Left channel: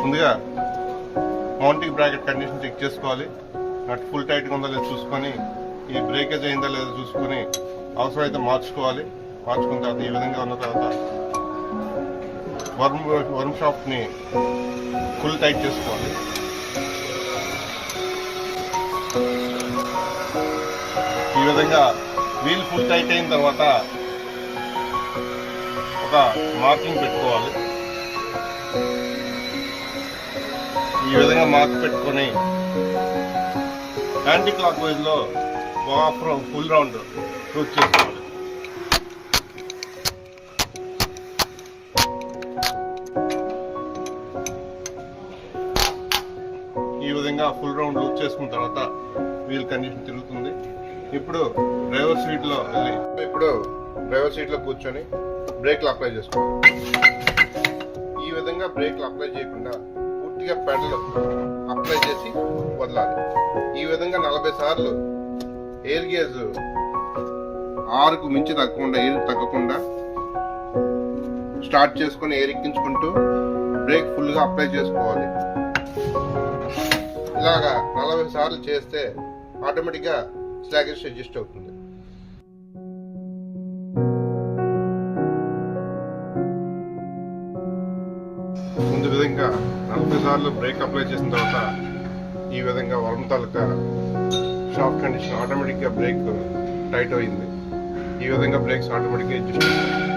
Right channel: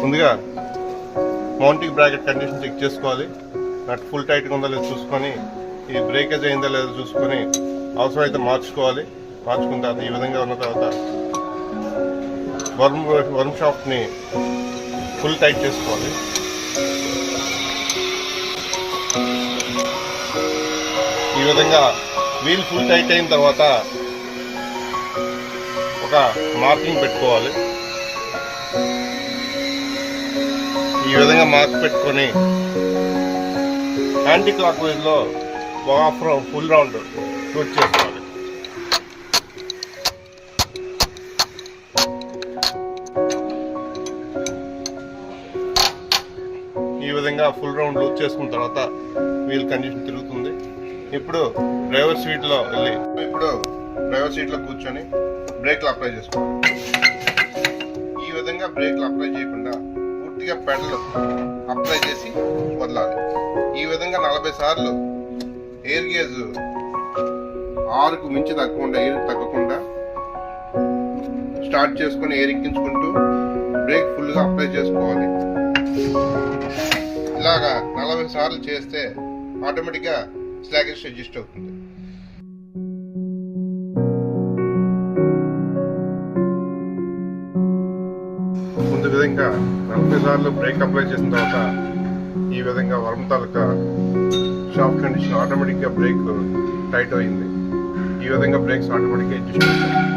ముందుగా mounting bracket condition check చేసుకోవాలి. నట్ full టైట్గా ఉందా లేదో చూసుకొని, ఈ బ్రేకేజ్ అయిందా లేదో చూసుకొని అవసరమైతే మార్చుకోవాలి. మార్చుకున్న తర్వాత ఈ విధంగా ఉన్న తర్వాత వర్మ్ షాఫ్ట్ని ఫుల్ టైట్ చేసుకోవాలి. ఈ విధంగా వీల్ ఫుల్ టైట్ అయిన తర్వాత ఒక మార్కింగ్ పెట్టుకోవాలి. ఈ విధంగా మార్క్ పెట్టుకొని యాంటీ క్లాక్ వైజ్లో ఫుల్ రౌండ్ రూట్ చేసుకోవాలి. ఈ విధంగా ఫుల్ రౌండ్ లూజ్ చేసుకున్న తర్వాత వీల్ కండిషన్ తిరుగుతుంది. ఇప్పుడు డ్రైవర్ సీట్లో కూర్చొని బ్రేక్లు అప్లై చేసుకోవాలి. ఈ విధంగా బ్రేక్లు అప్లై చేయకుండా పూర్తిగా పెడల్ అప్లై చేసి వదలాలి. ఈ విధంగా 40 సార్లు ఎయిర్ గేజ్ 6కు మించి తగ్గకుండా స్టార్ట్ చేసుకొని ఎయిర్ ఎక్కించుకుంటూ బ్రేక్ ఫుల్గా అప్లై చేసుకోవాలి. ఇలాగా 40 సార్లు చేస్తే ఆటోమేటిక్గా స్లాగేజ్ అడ్జస్ట్ అవుతుంది. ముందు విధంగా 40 సార్లు బ్రేక్ అప్లై చేసిన తర్వాత ఈ విధంగా వర్మ్ తాలూకా షాఫ్ట్ కండిషన్ ఆటోమేటిక్గా బ్రేక్ టైట్ అయింది. ఈ విధంగా బ్రేక్స్ ఆటోమేటిక్గా అడ్జస్ట్ అవుతాయి.